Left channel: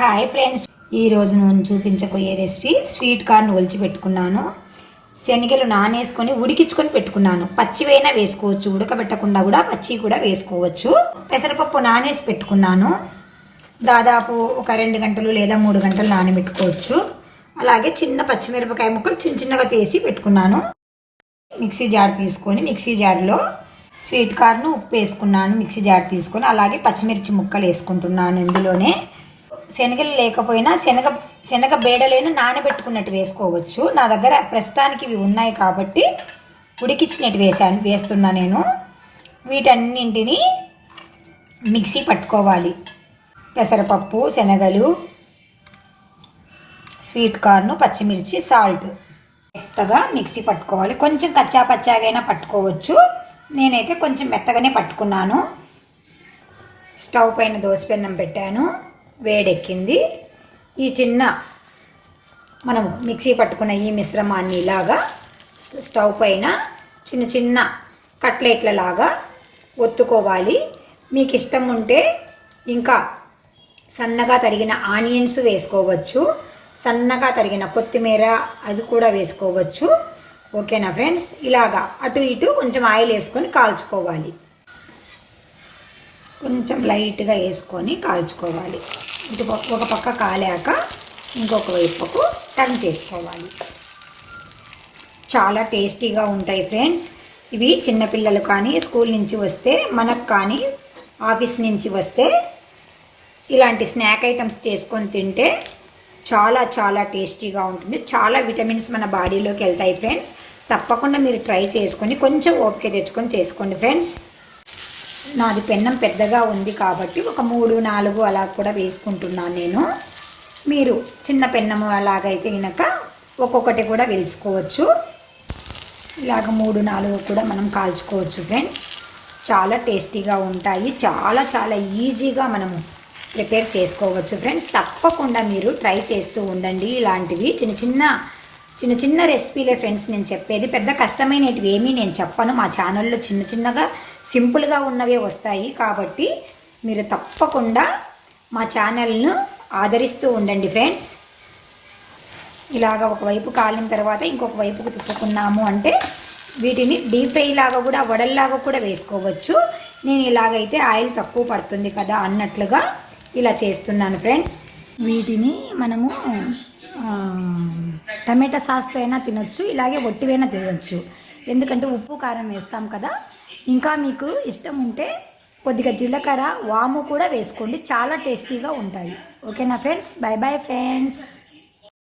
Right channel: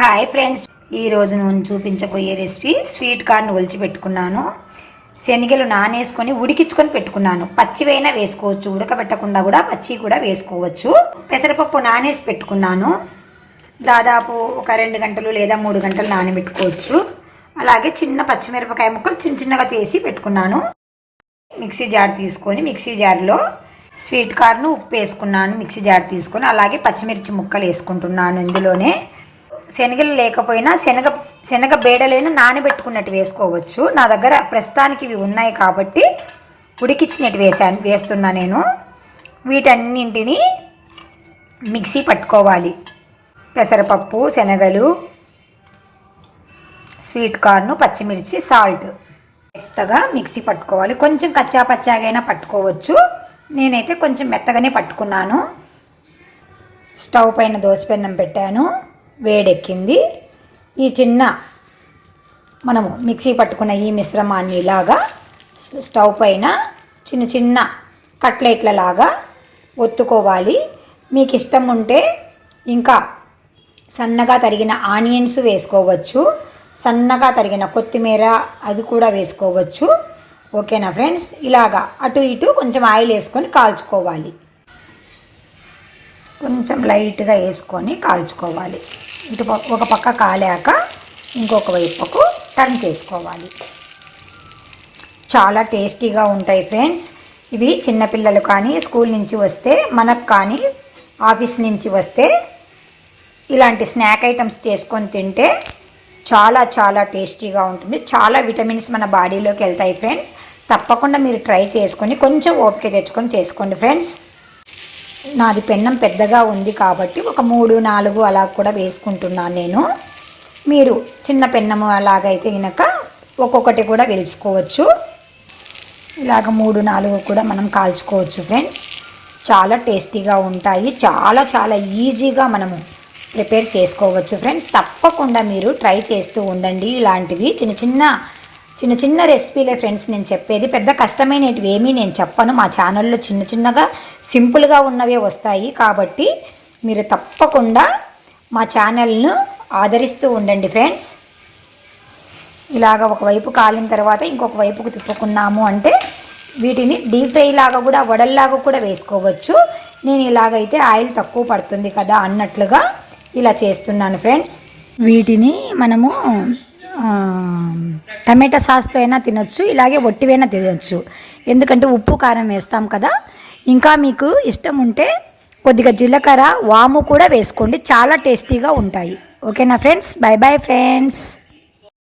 Hi friends, ఈరోజు నేను చూపించబోయే రెసిపీ స్వీట్ కార్న్ ఒలిచి పెట్టుకున్నాను. శనగలు నానేసుకొని ఉడికించుకొని పెట్టుకున్నాను. పచ్చివైనా వేసుకోవచ్చు, ఉడకబెట్టకుండా కూడా పచ్చి కూడా వేసుకోవచ్చు. పెసరపప్పు నానేసి పెట్టుకున్నాను. దాదాపు ఒక 2 గంటలు లేదా 3 గంటలు నానబెట్టుకోవచ్చు. అలాగే చిన్న పచ్చిమిరపకాయ ముక్కలు చిన్న చిన్నగా తీసి పెట్టుకున్నాను. మిక్సీ జార్ తీసుకొని మిక్సీ జార్లో స్వీట్ కార్న్ ఉప్పు వేసుకున్నాను. మిక్సీ జార్ తీసుకొని అలాగే పచ్చిమిర్చి ముక్కలు వేసుకుంటున్నాను. ఇందులోనే శనగలు లేకపోయినా శనగ బేడలేను నానబెట్టుకున్నట్టు వేసుకోవచ్చు. నా దగ్గర ప్రస్తుతానికి ఇవి ఉన్నాయి కాబట్టి ఉడికించినట్టు వేస్తున్నా నేను. వీటన్నింటినీ మిక్సీ పట్టుకోవాలి. పెసరపప్పు, శనగలు, స్వీట్ కార్న్, పచ్చిమిర్చి, సాల్ట్ మెత్తగా మిక్సీ పట్టుకోవాలి. కొంచెం కచ్చా పచ్చాగైనా పట్టుకోవచ్చు. నేనైతే కొంచెం మెత్తగానే పట్టుకున్నాను. స్టవ్ పైన దోసపెన్నం పెట్టాను. వేడెక్కింది. ఈ చిన్న మనము మిక్సీ పట్టుకున్న ఈ మిశ్రమాన్ని ఇలాగా స్టవ్ పైన చిన్న చిన్న కట్లెట్ల లాగా ఒత్తుకోవాలి. మీకు ఇష్టం ఉంటే ఇంకా సన్నగా తరిగిన ఆనియన్స్ వేసుకోవచ్చు, సన్నగా తరిగిన కొత్తిమీర అది కూడా వేసుకోవచ్చు. ఓకేనా ఫ్రెండ్స్? ఇలాగా అటు ఇటు కొంచెం ఆయిల్ వేసుకొని కాల్చుకోవాలి. కొంచెం లైట్గా వేసుకొని కాల్చుకోవాలి. ఇటు ఒక పక్క కాలాక ఇంకొక వైపుకు టర్న్ చేసుకోవాలి. చాలా టేస్టీగా ఉంటాయి ఫ్రెండ్స్. ఇవి చిన్నపిల్లలు కానీ స్కూల్ నుంచి వస్తే, మనకు కానీ ఆఫీస్ నుంచి వస్తే ఇలాంటి స్నాక్ ఐటమ్స్ చేసుకొని తింటే చాలా చాలా టేస్టీగా ఉంటుంది. చాలా విటమిన్స్ మన బాడీలోకి వెళ్తాయి ఫ్రెండ్స్. తప్పకుండా మీరు ట్రై చేసుకొని కొంచెం ఓపిక తెచ్చుకొని చేసుకోండి ఫ్రెండ్స్. నాది పెన్నం పెద్దగా ఉంది కాబట్టి ఒక 3-4 అలా కూడా వేసుకుంటున్నాను నేను. మీరు చిన్న పెన్నము అలాగైతే కనుక ఒక్కొక్కటి కూడా వేసుకోవచ్చు. ఇలాగ 3-4 కూడా మనం కాల్చుకోవచ్చు ఫ్రెండ్స్. చాలా టేస్టీగా ఉంటాయి. చాలా చాలా ఈజీగా మనము ప్రిపేర్ చేసుకోవచ్చు ఫ్రెండ్స్. తప్పకుండా మీరు ట్రై చేస్తూ ఉండండి. ఇలాంటివి చిన్న చిన్న రెసిపీలే ఫ్రెండ్స్ నేను చెప్పేది. పెద్ద కష్టమైనవి ఏమీ నేను చెప్పను. మా ఛానల్లో చిన్న చిన్నగా సింపుల్గా ఉన్నవే వస్తాయి. కాబట్టి మీరు తప్పకుండా మా ఛానల్ను ఆదరిస్తూ ఉండండి ఫ్రెండ్స్. ఇలాగ ఒకవైపు కాలిన తర్వాత ఇంకొక వైపుకు తిప్పుకున్నాము అంటే వీటిని డీప్ ఫ్రై లాగా కూడా, వడల్లాగా కూడా వేసుకోవచ్చు. నేను ఇలాగైతే ఆయిల్ తక్కువ పడుతుంది కదా అన్నట్లుగా ఇలా చేస్తున్నాను ఫ్రెండ్స్. వీటిని మనము టమాటా సాస్తో అయినా తినొచ్చు, ఇలాగే ఒట్టివైనా తినొచ్చు. ఎందుకంటే ఉప్పు కారం వేస్తాం కదా. ఇంకా మీకు ఇష్టం ఉంటే కొద్దిగా జీలకర్ర, వాము కూడా వేసుకోండి. చాలా టేస్టీగా ఉంటాయి. ఓకేనా ఫ్రెండ్స్? By bye friends.